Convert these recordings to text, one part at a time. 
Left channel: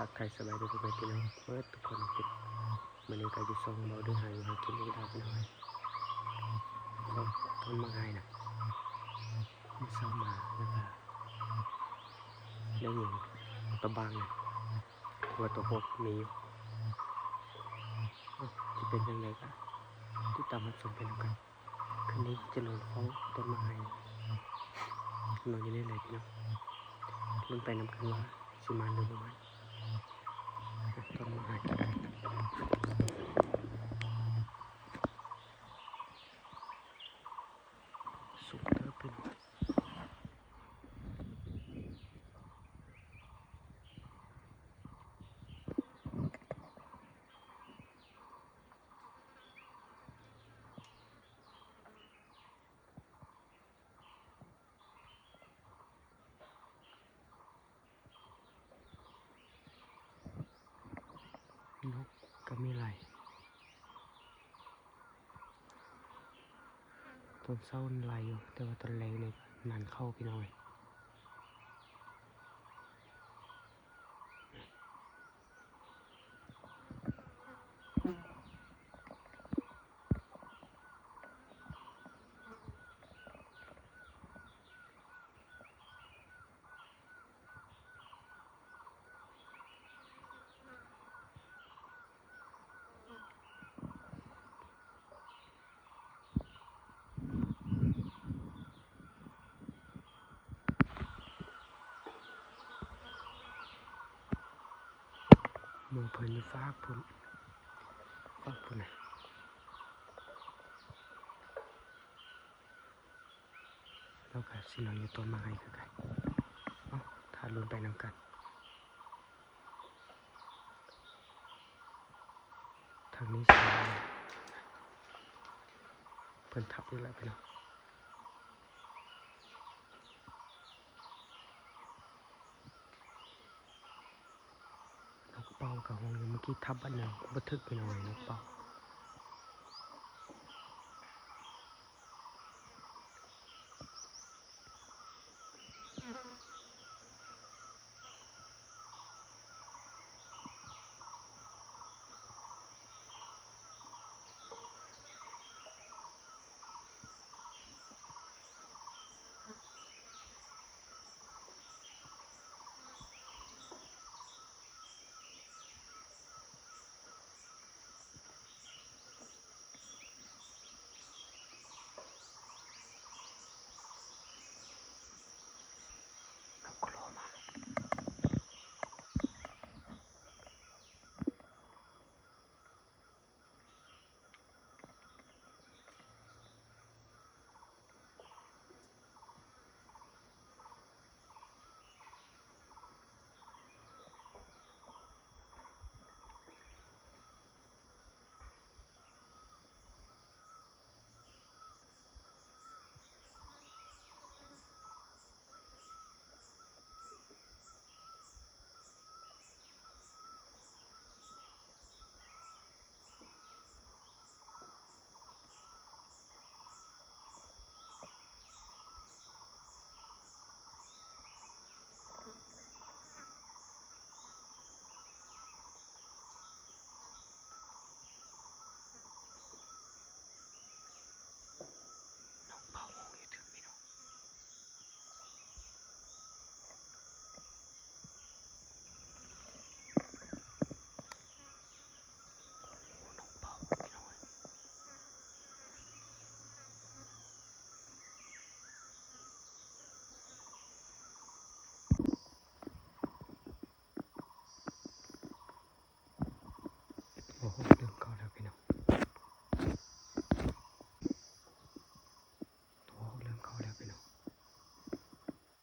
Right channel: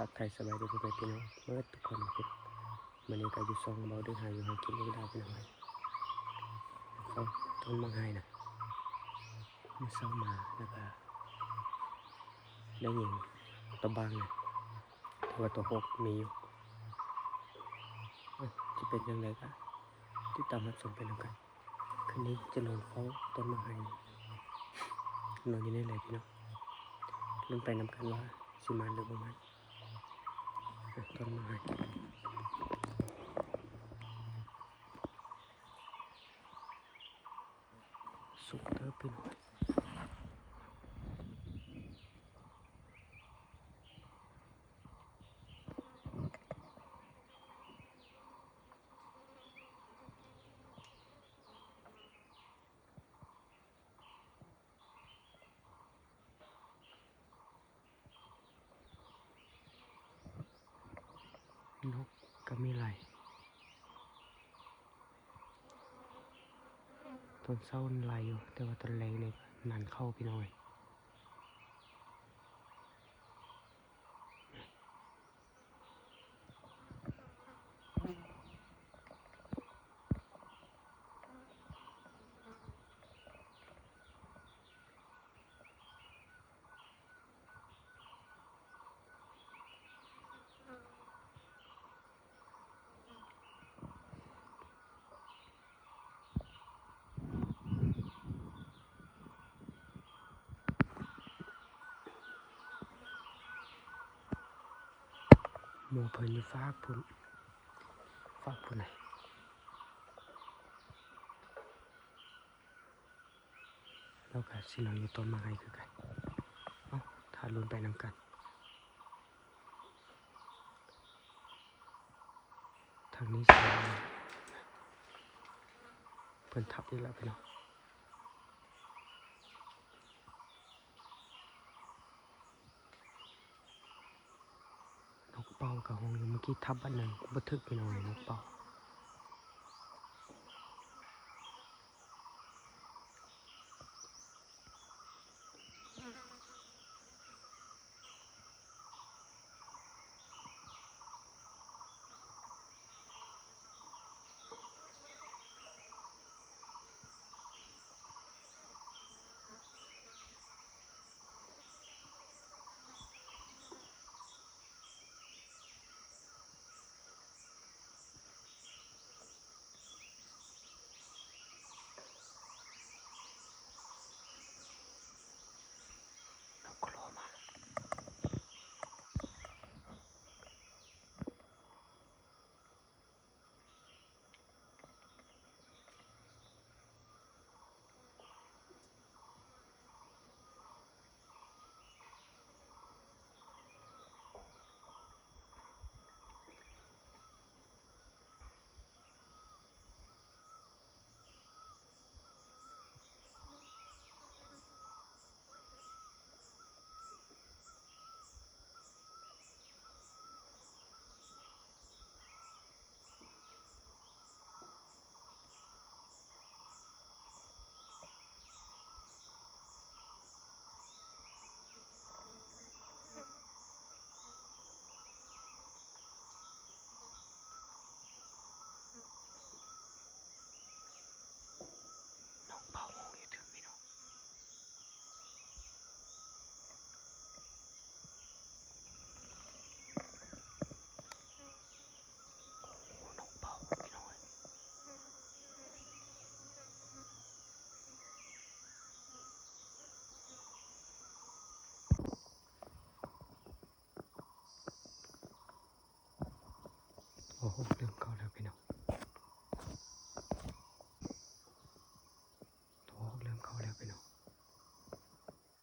ทักใครสบายดีทุกคนพี่น้องเมื่อทุกคนเป็นมันนี้ก็อยู่ซองเบาด้วยหาอยู่หากินอีกดาวพี่น้อยเขาต้นมังไห้นะมันเศร้ามาแล้วก็ได้ยิงตัวบางนะตัวหกมีอยู่จะเป็นยังไงก็ที่ตามมาชมเป็นแล้วกันคืนนี้จะนอนเฝ้าต้นมังไห้นอนอยู่นี่เลยพี่น้องลุ้นไปนำกันว่าสิมาหรือบ่มาต้นมังไห้สุกเติบพี่น้อยนกก็มีไหลต้นเศร้าไหลอยู่แต่ว่าต้นแรงเนี่ยนานเข้าพี่น้อยหมูเพิ่นอยู่ฟากพุ่นนะแล้วก็สินอนอยู่ต้นไม้คือกันถ้าลุ้นไปนำกันทางนี้สิเพิ่นทับอีกแล้วพี่น้องนกเป่ากับห้องอยู่เมื่อกี้ทับอันหนึ่งบ่ทึกพี่น้องนกเป่าโอ้โหเริ่มเข้าแล้วพี่น้องตัวเริ่มเข้าแล้วพี่น้อง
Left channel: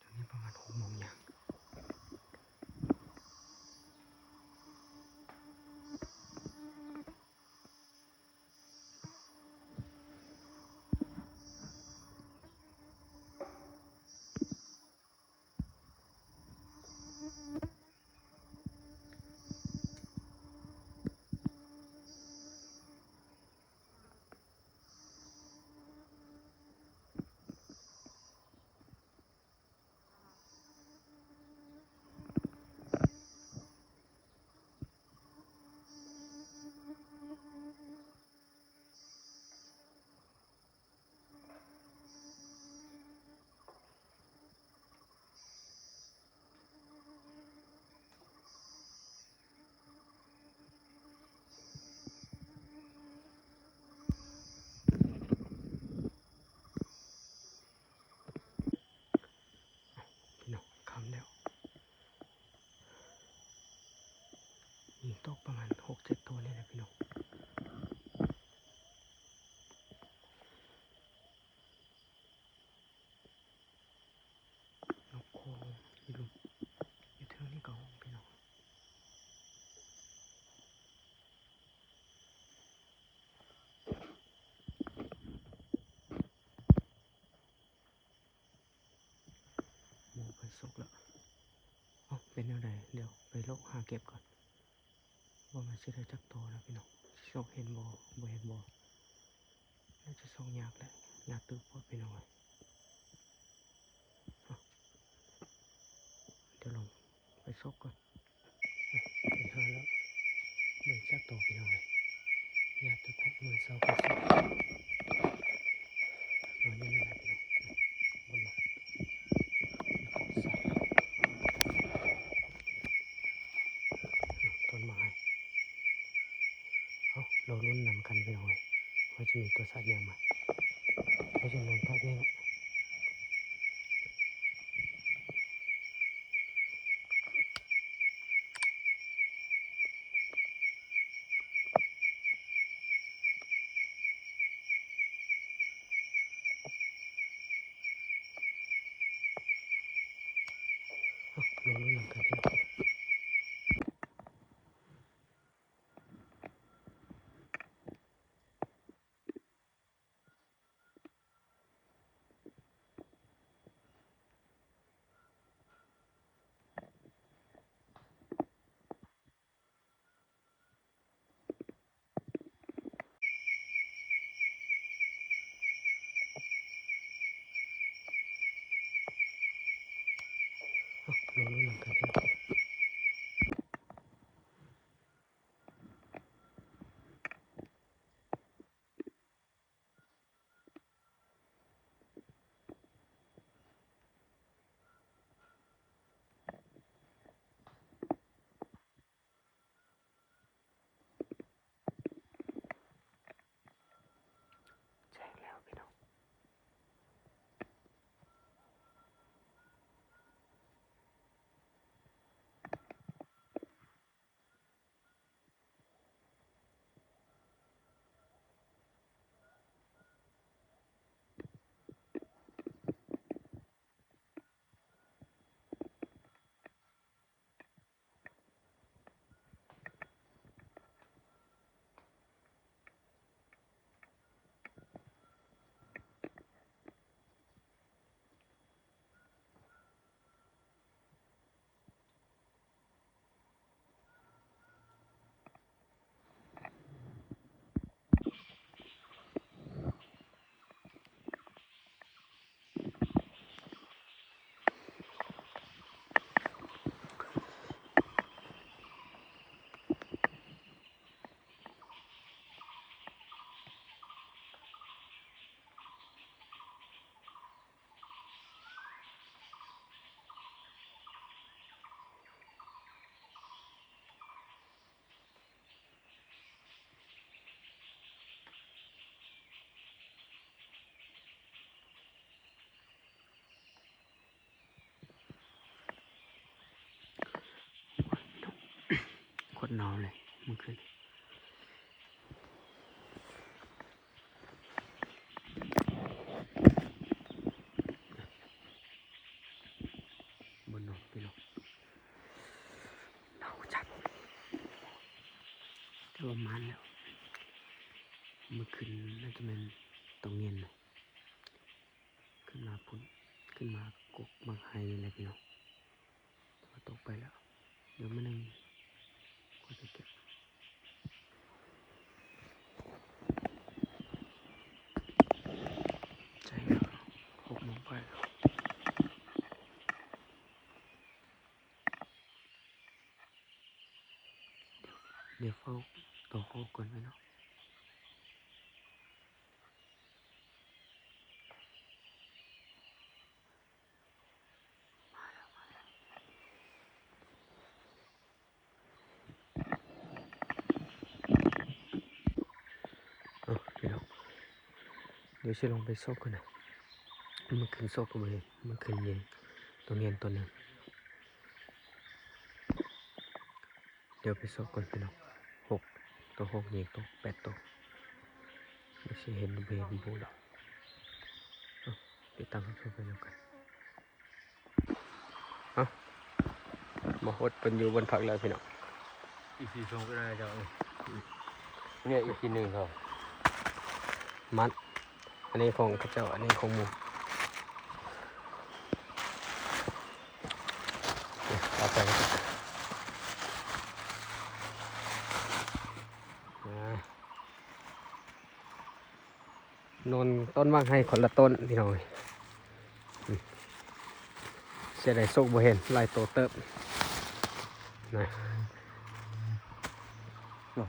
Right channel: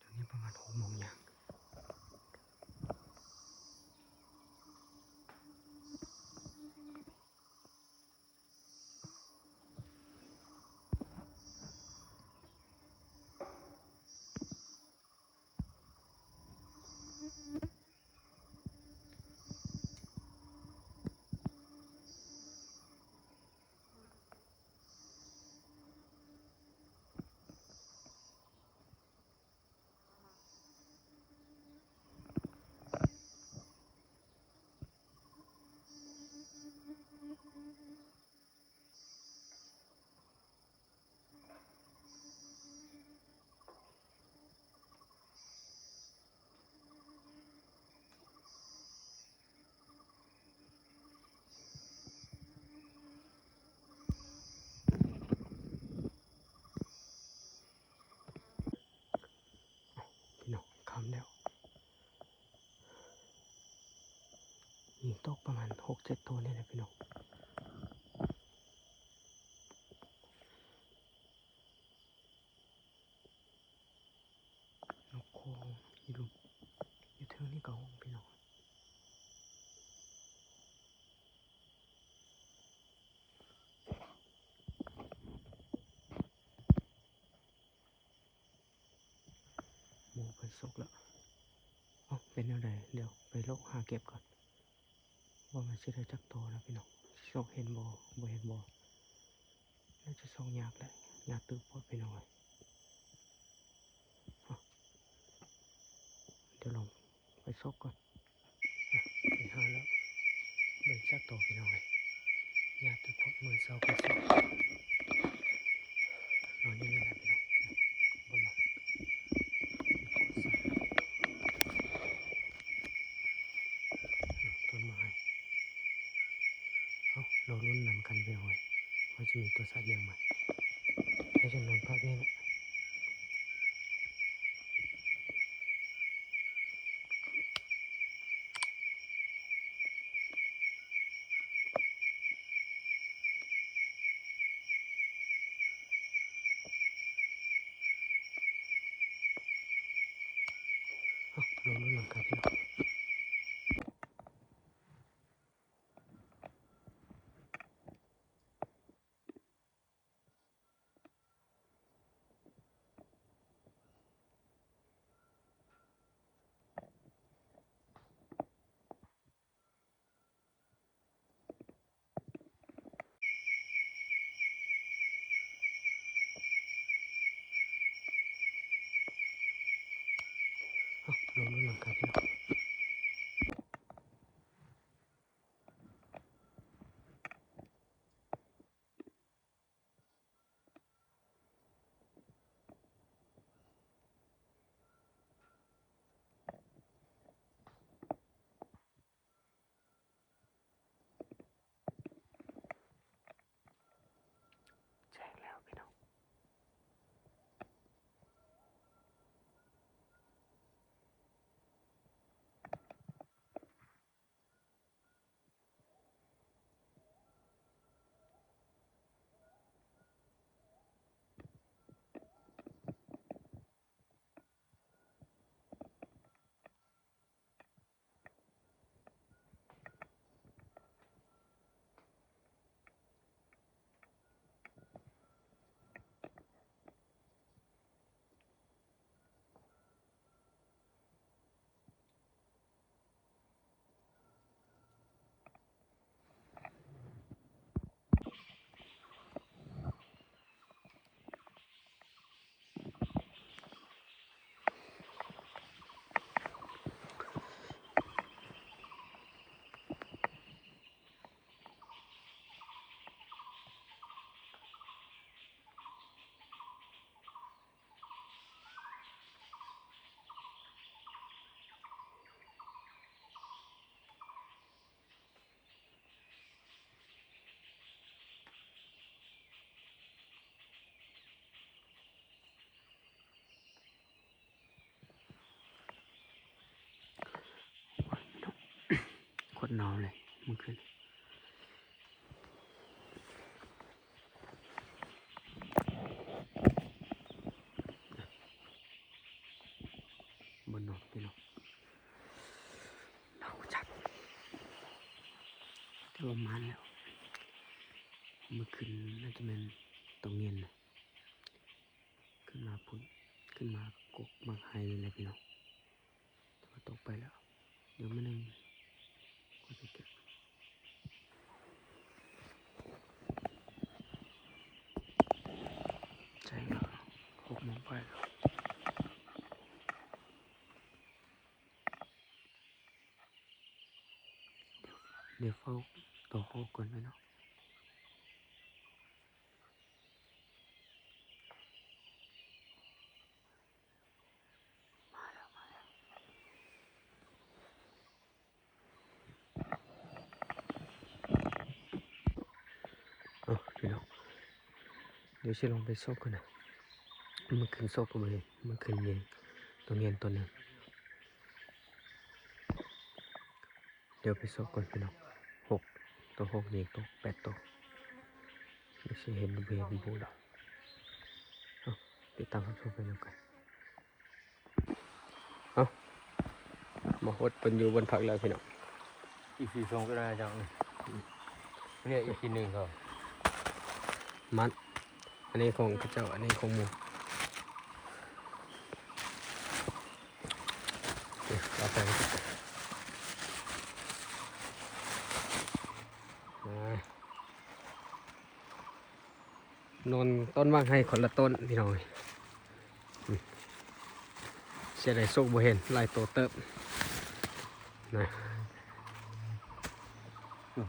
ตอนนี้ประมาณ6 โมงอย่าง ตกประมาณ6-7 ตัวนี่แหละพี่น้องนกโคอยู่ลุมอยู่เทิงนี่ก็ห้องพี่น้องหมูไปสุกแล้วอ๋อเป็นยังไงเดี๋ยวไปโลกหาเก็บก่อนว่ามันจะได้จักโตแล้วพี่น้องส่องเห็นบ่เห็นบ่น่าจะส่องยากแหละยากตึกพอพี่น้องเลยเดี๋ยวลองไปซกก่อนไปหาแล้วเบิ่งจักโตพี่น้องเลยยากตึกพอมือเสาไปซกนอนอยู่นี่แหละพี่น้องบนหลังต้นไม้เราลุ้นนำกันไปหน่อยว่าจะมีตัวสัตว์ยังมาให้จะนอนพักนี่แหละเราลุ้นนำกันพี่น้องเราลุ้นนำกันพี่น้องแจ้งแล้วพี่น้องโคตรหนาวเลยเมื่อคืนบนนอนพี่น้องหนาวจัดแต่ว่ามันแล้วเมื่อคืนน่าจะเป็นตรงเย็นนะขึ้นมาพุ่นขึ้นมากกบางไฮเลยแหละพี่น้องแต่ว่าตกไปแล้วเดี๋ยวมันนึงก็จะเก็บใจแล้ว6 โมงไปแล้วเดี๋ยวเฝ้าต่อโคก่อนไหมเนาะมาแล้วพี่น้องเดี๋ยวจะลงไปซอกก่อนนะมันขึ้นซอกไปเลยมันขึ้นเย็นตัวเย็นตัวหนึ่ง เดี๋ยวไปสอบก่อนพี่น้อง6ตัว6นี่ตัว8ตัวไม่ใช่เห็นเบนบูดอกติดตามรับชมไปแล้วกันเอามาหดเป็นอยู่บนผักแล้วพี่น้อง อีก4ช่องก็ได้จังเนี่ยอีกที1ครับ มัดอันนี้ของพระเจ้าอันนี้ของหมูเราแต่งนนต้นว่างให้คนละต้นพี่น้องจะได้โซกบ่เห็นลายโตเติบนะ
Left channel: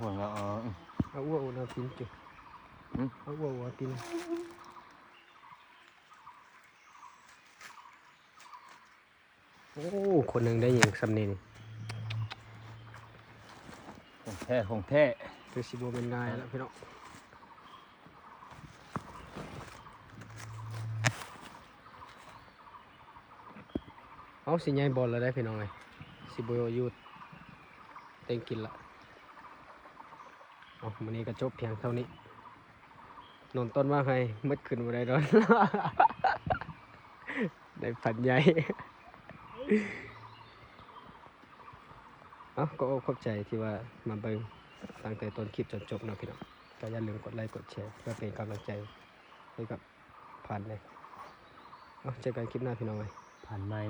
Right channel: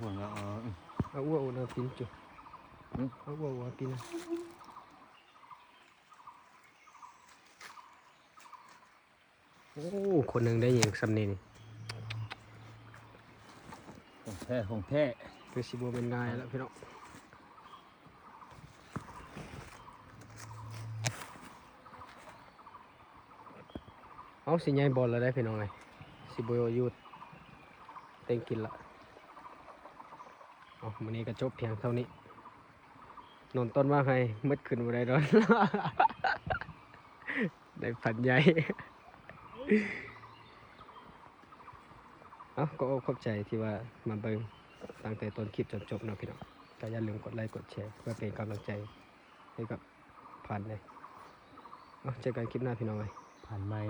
หัวงอ เอาอ้วนเอาตีนจุเอาอ้วนเอาตีนโอ้คนหนึ่งได้ยิงสำเนียง ของแท้ คือสิบเป็นง่ายแล้วพี่น้องเอาสิใหญ่บอลแล้วได้พี่น้องเลยสิบยูดเต็งกินละเอาวันนี้ก็จบเพียงเท่านี้นนต้นว่าไงมืดขึ้นมาได้ร้อน ได้พันใหญ่ เอาก็ขอบใจที่ว่ามาเบิ่งตั้งแต่ต้นคลิปจนจบนะพี่น้องก็อย่าลืมกดไลค์กดแชร์เพื่อเป็นกำลังใจให้กับผ่านเลยเอาเจอกันคลิปหน้าพี่น้องเลย ผ่านไม้